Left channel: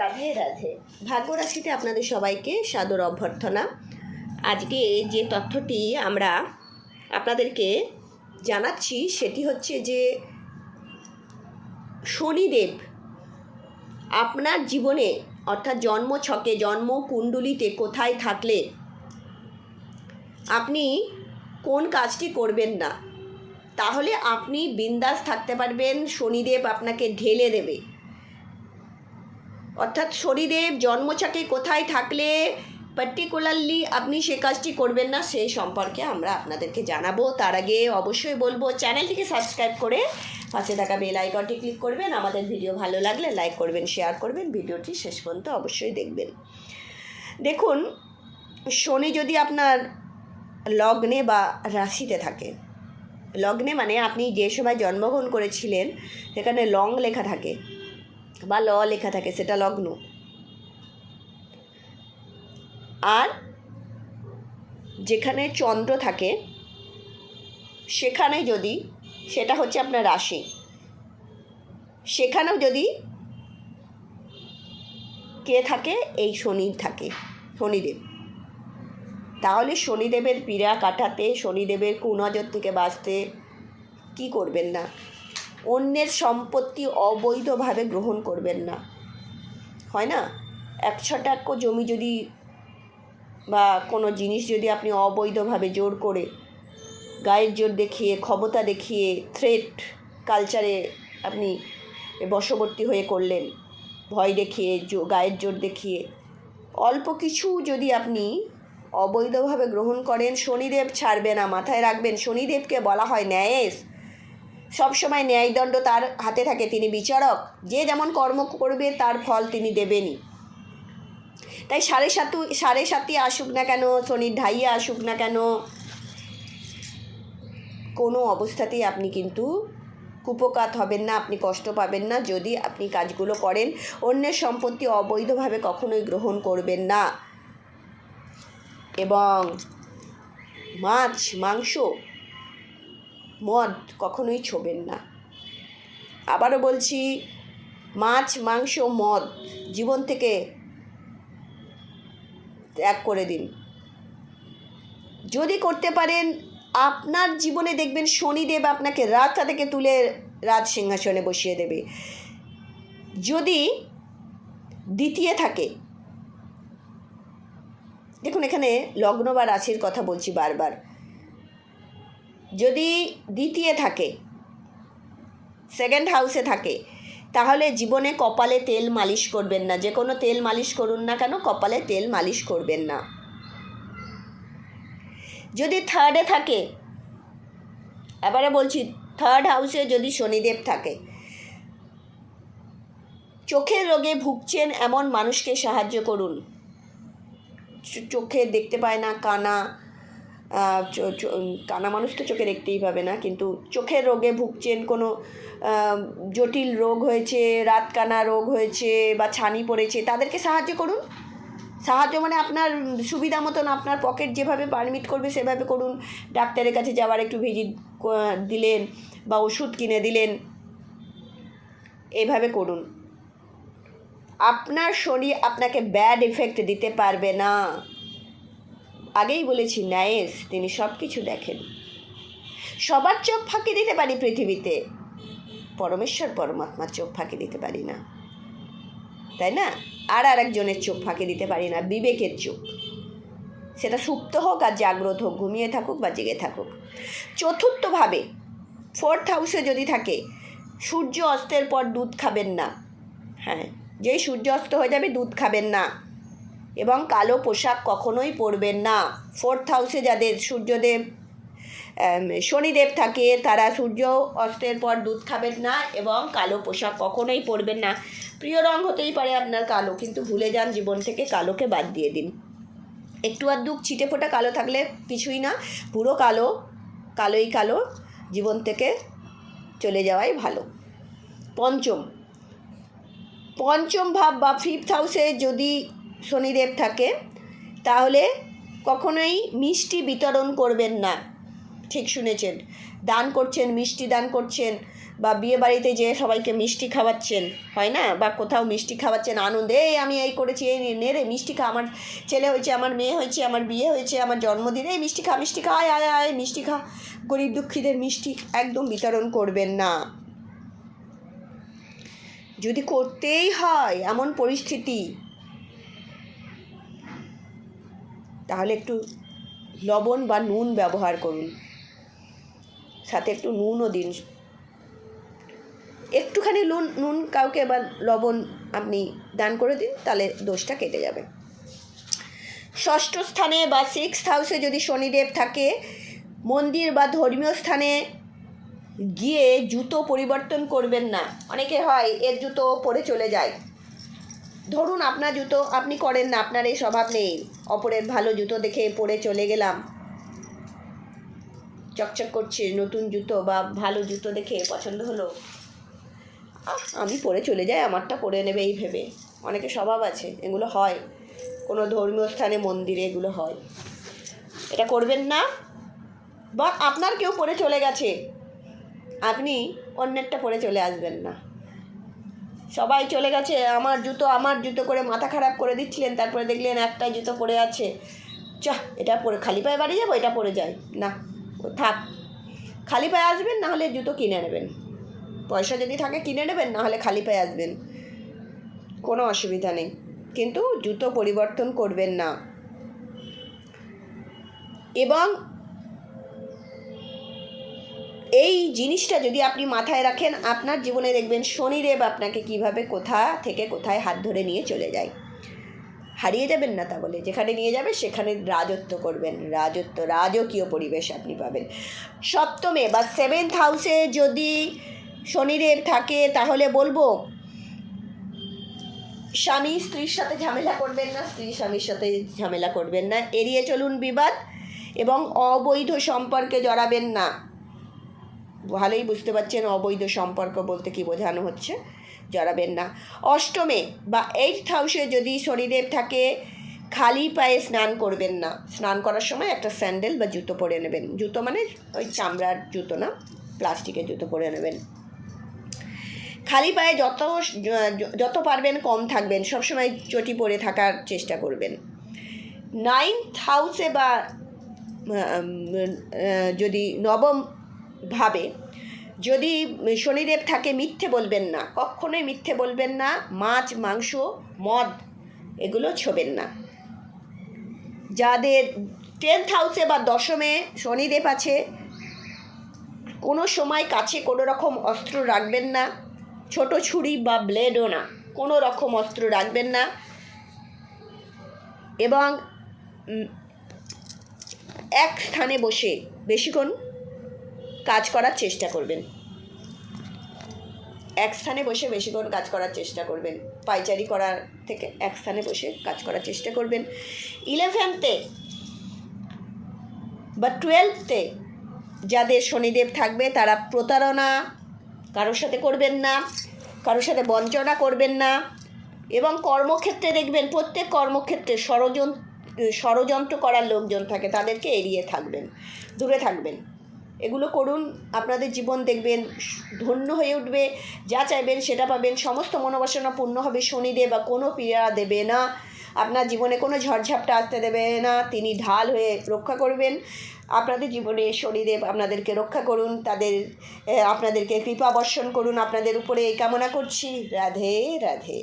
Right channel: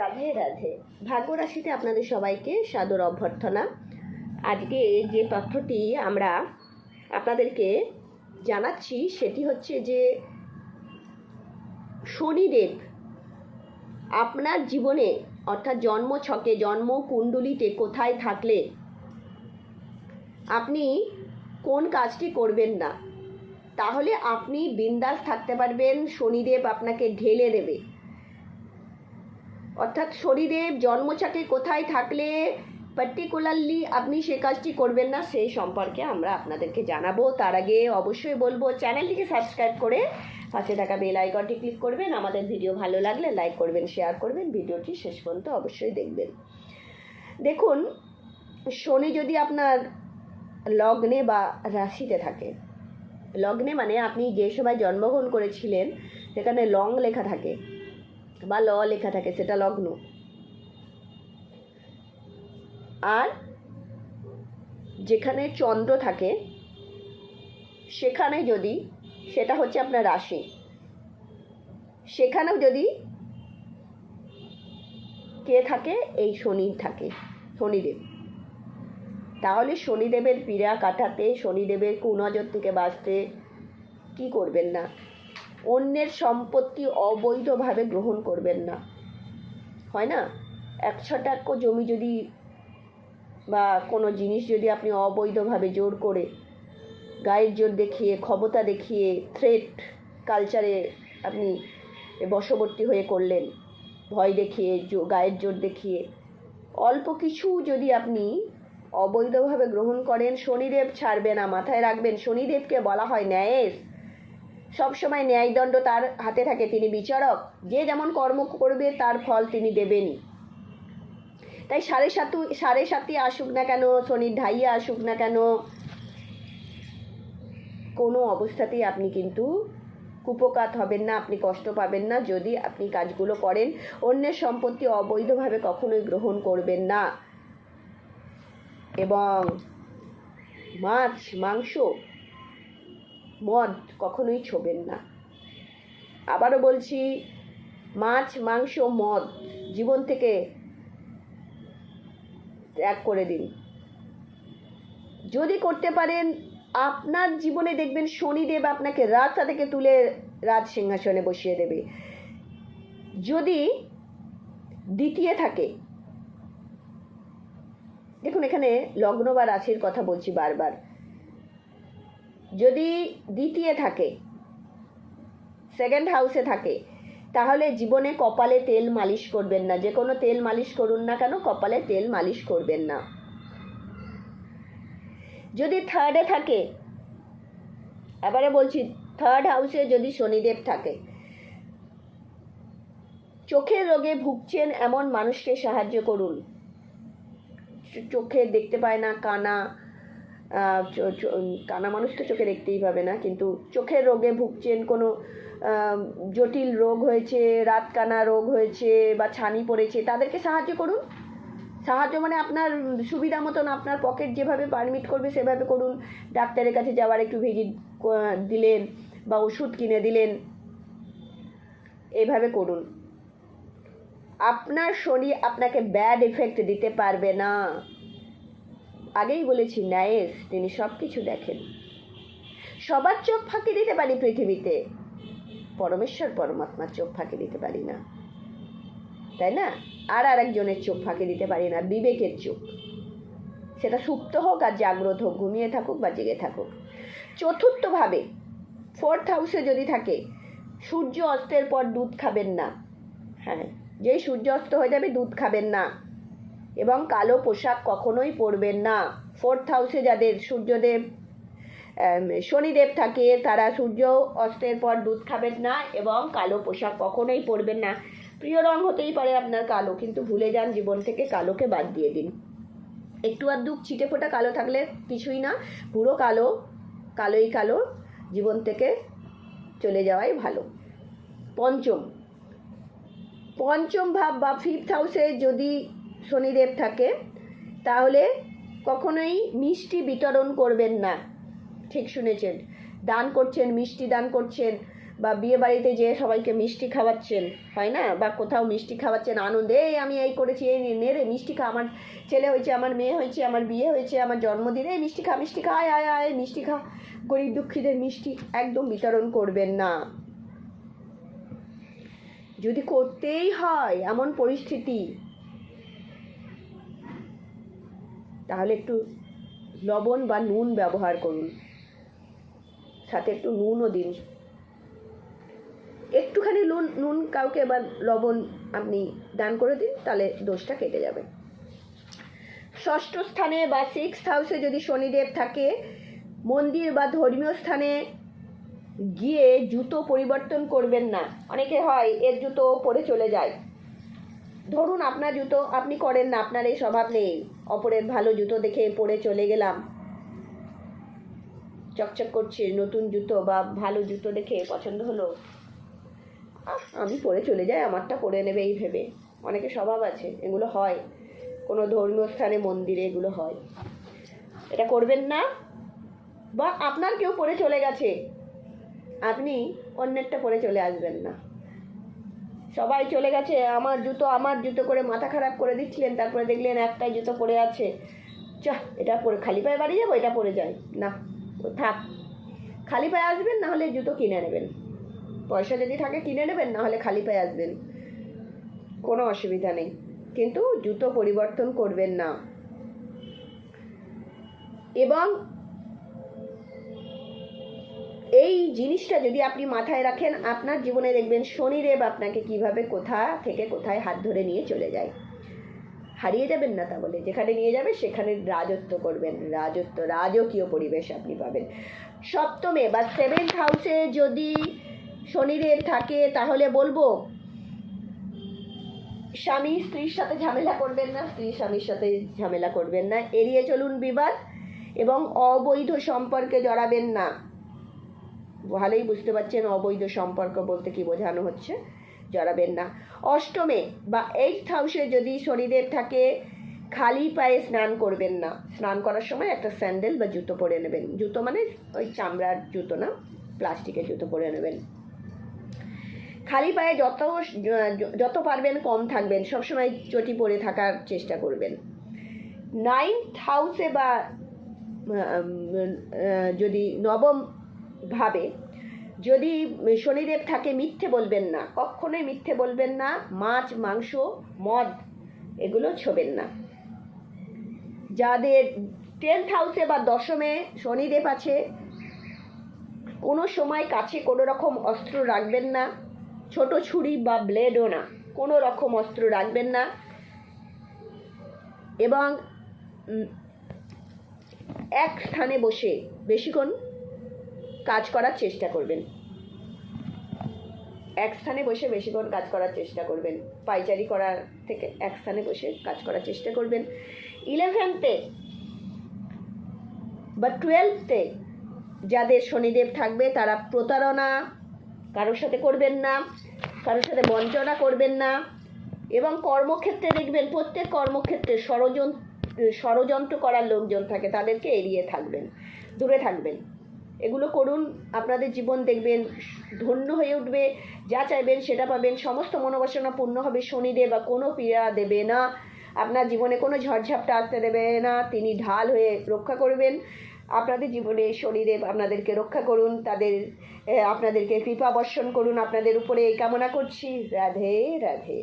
রাধে রাধে। ভাগ্য রাশিতে আপনাদের সবাইকে সাদর অভ্যর্থনা। আজকে যে তথ্যটি আমরা আপনাদেরকে জানাচ্ছি, সেটি হচ্ছে যে শনিদেব আপনার জীবনে, অর্থাৎ জন্ম ছকে জন্ম কুণ্ডলিতে কোথায় থাকলে আপনি কোন কাজটি করবেন না, তাহলে আপনি বিন্দাস থাকতে পারবেন, শনিদেব আপনাকে ঢেলে দেবে। অর্থাৎ শরীরের জন্মচাকে কোথায় থাকলে পার্টিকুলারলি আপনি সে কাজটি করবেন না, সেই সম্পর্কে আমরা আপনাদেরকে জানাব। তার আগে অবশ্যই বলব, চ্যানেলটিকে সাবস্ক্রাইব করে পাশে থাকা বেল আইকনটি ক্লিক করবেন। আমাদের ভিডিও ভালো লাগলে লাইক করবেন শেয়ার করবেন। ভিডিওটি শেষ পর্যন্ত অবশ্যই দেখবেন। দেখুন, শনি যদি আপনার লগ্নে বা রাশিতে থাকে, লগ্নে মানে আপনি যে সময় জন্মগ্রহণ করেছিলেন, সেখানে লং লেখা থাকে। বা ল লেখা থাকে, সেটা লগ্ন। আর যেখানে চন্দ্র থাকে, সেখানে যদি, সেটা হচ্ছে আপনার রাশি। সেখানেও যদি কে থাকে, এই শনি থাকে, শনিদেব। তাহলে শনিদেবের পীড়া কাটাতে, শনিদেবের কুনজর থেকে বাঁচতে কি করবেন না? অন্যের সম্পত্তি অবৈধভাবে গ্রহণ করবেন না। হয় না? এক ছটাক্য জমি যদি বা কোনো জিনিস যদি আপনি অবৈধভাবে জোর করে গায়ের জোর দেখিয়ে, ক্ষমতা দেখিয়ে থ্রেট কালচারে আপনি বশবর্তী হয়ে করলেন, ভয় দেখিয়ে গায়ের জোর দেখিয়ে, অল্প কিছু যদি আপনি অবৈধভাবে গ্রহণ করেন, শনিদেব ছাড়বে না, মাথায় রাখবেন, শনিদেবকে বলা হয় ন্যায়েশ সবসময় ন্যায়দণ্ড তার হাতে থাকে। তিনি বিচারক, যে যেমন কর্ম করবে তার ফল তিনি দেবেনই। তাই সাড়ে সাতু, সাড়ে সাতই আসুক না কেন, শনির ঢাইয়া আসুক না কেন, কোনো অবস্থাতেই আপনি কিন্তু কুপকাত হবেন না, আপনি কষ্ট পাবেন না, যদি আপনি কাজগুলো করেন, অন্যের সম্পত্তি অবৈধভাবে কখনোই গ্রহণ করবেন না। এবং মাছ, মাংস মদ কখনোই ছোবেন না। আবারও বলছি, মাছ, মাংস, মদ জীবন থেকে ত্যাগ করে দিন। যদি করতে পারেন, আপনার জীবনে দেখবেন শনিদেব আপনাকে রাতটা থেকে তুলে রাজ সিংহাসনে বসিয়ে দেবে। যদি দ্বিতীয় থাকে, দেখুন এখানে লগ্ন বা রাশির কথা বলছি বারবার। যদি দ্বিতীয় থাকে সেকেন্ড হাউসে থাকে, তাহলে জীবনে কপালে তেল মালিশ করবেন না। যে কোনো তেল মালিশ করুন না কেন, কপালে তেল মালিশ করবেন না। যদি থার্ডে থাকে, এবারে বলছি থার্ড হাউসে যদি শনিদেব থাকে চোখের রোগে ভুগছেন এমন মানুষকে সাহায্য করুন। চোখে দেখতে পায় না, কানা কানা মানুষ তো চোখে দেখতেই পাবে না, কিন্তু চোখের রোগে ভুগছেন কোনো জটিল রোগ হয়েছে রাত কানা রোগ হয়েছে বা ছানি পড়েছে, তাদেরকে সাহায্য করুন। সাহায্য মানে আপনার সুবিধা মতন আপনার পকেট যেভাবে পারমিট করবে সেভাবে করুন। ডাক্তারের কাছে যাওয়ার একটু ভিজিট দিলেন বা ওষুধ কিনে দিলেন, এভাবে করুন। আপনার শরীর আপনাকে ব্যাড এফেক্ট দিতে পারবে না। আগেই বলেছি ন্যায়েস তিনি সব কিছু দেখেন। সবার চোখ ফাঁকি দিতে পারি পৃথিবীতে। পরমেশ্বর পরমাত্মার চোখ ফাঁকি দিতে পারি না। তাই না? আর আর একজনের চোখ ফাঁকি দিতে পারি না, বিবেকের চোখ। সেটা সুপ্ত হোক আর জাগ্রত হোক, ঘুমিয়ে থাকুক বা জেগে থাকুক। চতুর্থভাবে ফোর্থ হাউসে যদি থাকে, সূর্য অস্তের পর দুধ খাবেন না। হ্যাঁ যেই সূর্য অস্ত হয়ে যাবে দুধ খাবেন না। এবং কালো পোশাক কখনোই পরবেন না। ফোর্থ হাউসে যাদের সূর্যদেব শনিদেব থাকে, তারা সূর্য অস্তের পর দুধ খাবেন না এবং কালো পোশাক কখনোই পরবেন না। প্রিয় রং হতেই পারে আপনার কালো, কিন্তু ভুলে যান জীবন থেকে কালোকে বাদ দিয়ে দিন। একটু আধটু ছিটে ফোটা কালো থাকলে কিছুই না, পুরো কালো, কালোই কালো, জীবন থেকে চলে যাওয়াই ভালো। পঞ্চম পঞ্চম ভাব বা ফিফথ হাউসে যদি শনিদেব থাকে, তাহলে কখনোই মিষ্টি বিতরণ করবেন না। ঠিক শুনেছেন। দান করছেন, মিষ্টি দান করছেন, বা বিয়ে বাড়িতে যে সবাইকে মিষ্টি খাওয়াচ্ছেন, হয় না? বা কোথাও মিষ্টি খাওয়াচ্ছেন, আনন্দে আমি এই করেছি, এই নে রে, মিষ্টি খা, আমার ছেলে হয়েছে, আমার মেয়ে হয়েছে, আমার বিয়ে হয়েছে, আমার জন্মদিনে, এই মিষ্টি খা মিষ্টি খা, আয় আয় আয়, মিষ্টি খা। গরিব দুঃখীদের মিষ্টি একদম বিতরণ করবেন না। যদি করতেই হয়, এমন পরিস্থিতি তাহলে একটু লবণ বা নুন ব্যবহার করুন। সাথে একটু নুনও দিন। একটুখানি নুন নুন কাউকে বা লবণ আপনি দান করে দিন, তাহলে দোষটা কেটে যাবে। ষষ্ঠ স্থানে বা সিক্স হাউসে যদি শনিদেব থাকে, মন্দির বা ধর্মীয় স্থানে গিয়ে জুতো পরিবর্তন করবেন না। অনেকে হয় এর জুতো পরে চলে যায়। ধরুন আপনার জুতো আপনি করেন না, আপনার এই স্বভাব নেই। অপরের ভালো জুতো দেখে পরে চলে গেলাম। চকচক করছে, নতুন জুতো বা ভালো জুতো দেখে পছন্দ হলো। আমি পরে চলে যাই, আমারটা পরে নেবে এই ভেবে। অনেকে স্বভাব আছে, এগুলো হয়। কোনো ধর্মীয় স্থানে মন্দিরে এগুলো হয়। এটা করবেন না, বা আপনার কেউ পরে চলে গেছে। আপনি অন্যেরটা পরে চলে আসবেন না। সবাই চলে গেছে, আমার জুতো আমার জুতো করে মাথা খারাপ করে দিচ্ছিলেন, তারপরে দেখলেন একটাই জুতো পরে আছে। চাহ, এটা পরে, খালি পায়ে বাড়ি যাব, এটা পরে যাই। না, থাক, খালি পায়ে আসবেন, না হলে জুতো কিনে নেবেন। পয়সা যদি থাকে কিনে নেবেন, না হলে খালি পায়ে আসবেন। কোনো অসুবিধা নেই। কিন্তু জুতো পরিবর্তন করবেন না। এবং এই জিনিসটা যদি আপনি মাথায় রাখেন, আপনার জীবনে দেখবেন শনিদেব আপনাকে কীভাবে কোথা থেকে কোথায় হাত ধরে নিয়ে চলে যায়। হারিয়ে যাবেন না তা বলে যেখানে নিয়ে যাবে, সেখানে রাজত্ব করবেন। রাজত্ব, রাজকীয় পরিবেশ আপনি পাবেন। সপ্তমে বা সেভেন্থ হাউসে যদি শনিদেব থাকে, তাহলে বলব, স্বামী স্ত্রীর সাথে ঝামেলা করবেন না, স্ত্রী স্বামীর সাথে ঝামেলা করবেন না। এড়িয়ে চলুন বিবাদ এবং অবৈধ সম্পর্কে জড়াবেন না। ভালোই বুঝতে পারছেন অবৈধ সম্পর্ক বলতে কি বোঝানো হচ্ছে? জড়াবেন না। অষ্টমে বা এইট হাউসে যদি শনিদেব থাকে, খালি পায়ে স্নান করবেন না। স্নান করার সময় একটা স্যান্ডেল বা জুতো পরে নেবেন। জুতো মানে ওই চামড়ার জুতো না, প্লাস্টিকের জুতো পরে নেবেন। খালি পায়ে যত যত পারবেন কম থাকবেন, সবসময় চটি পরে থাকার চেষ্টা করবেন। নাইন্থ হাউসে বা যদি নবম ভাবে। যদি শনিদেব থাকে, মিথ্যে বলবেন না। কখনোই মিথ্যে বলবেন না। মাছ, মাংস, মদ, এগুলো ছোবেন না। যাদের টেন্থ হাউসে বা দশমে শনিদেব আছে, কোনো সময় কাছে কোনো রকম অস্ত্র রাখবেন না। ছোট ছুরি বা ব্লেডও না। কোনো রকম অস্ত্র রাখবেন না। এবং এক স্থানে বসে, বেশিক্ষণ কাজ করার চেষ্টা করবেন। এক স্থানে বসে বেশিক্ষণ কাজ করার চেষ্টা করবেন। পাইচারি করার থেকে এক স্থানে বসে কাজ করার চেষ্টা করবেন। ইলেভেনতে বা টুয়েলভতে যাদের শনিদেব থাকবে, তারা প্রতারণা কারোর সাথে করবেন না, কারোর সাথে বঞ্চনা করবেন না এবং কর্মক্ষেত্রে দেখবেন প্রত্যেক কর্মক্ষেত্রে ষড়যন্ত্র ষড়যন্ত্র করার লোকজন থাকে, তাদেরকে এড়িয়ে থাকবেন, দূরে থাকবেন। এগুলো করুন, আপনাদের জীবন দেখবেন, ধন্য হয়ে উঠবে, যা চাইবেন সেটা পাবেন, সমস্ত মনোবাসনা পূর্ণ হবে শনিদেব বা কোনো পীড়া দেবে না। আপনার জীবনে কোনো ঝড়ঝাপটা আসতে দেবে না, তিনি ঢাল হয়ে রক্ষা করবেন। আপনাদের জীবনে শনিদেব আপনাদেরকে রক্ষা করুন, তাদের আপনাদেরকে কৃপা বর্ষণ করুন, আপনাদের উপরে এই কামনা করছি। রাধে রাধে।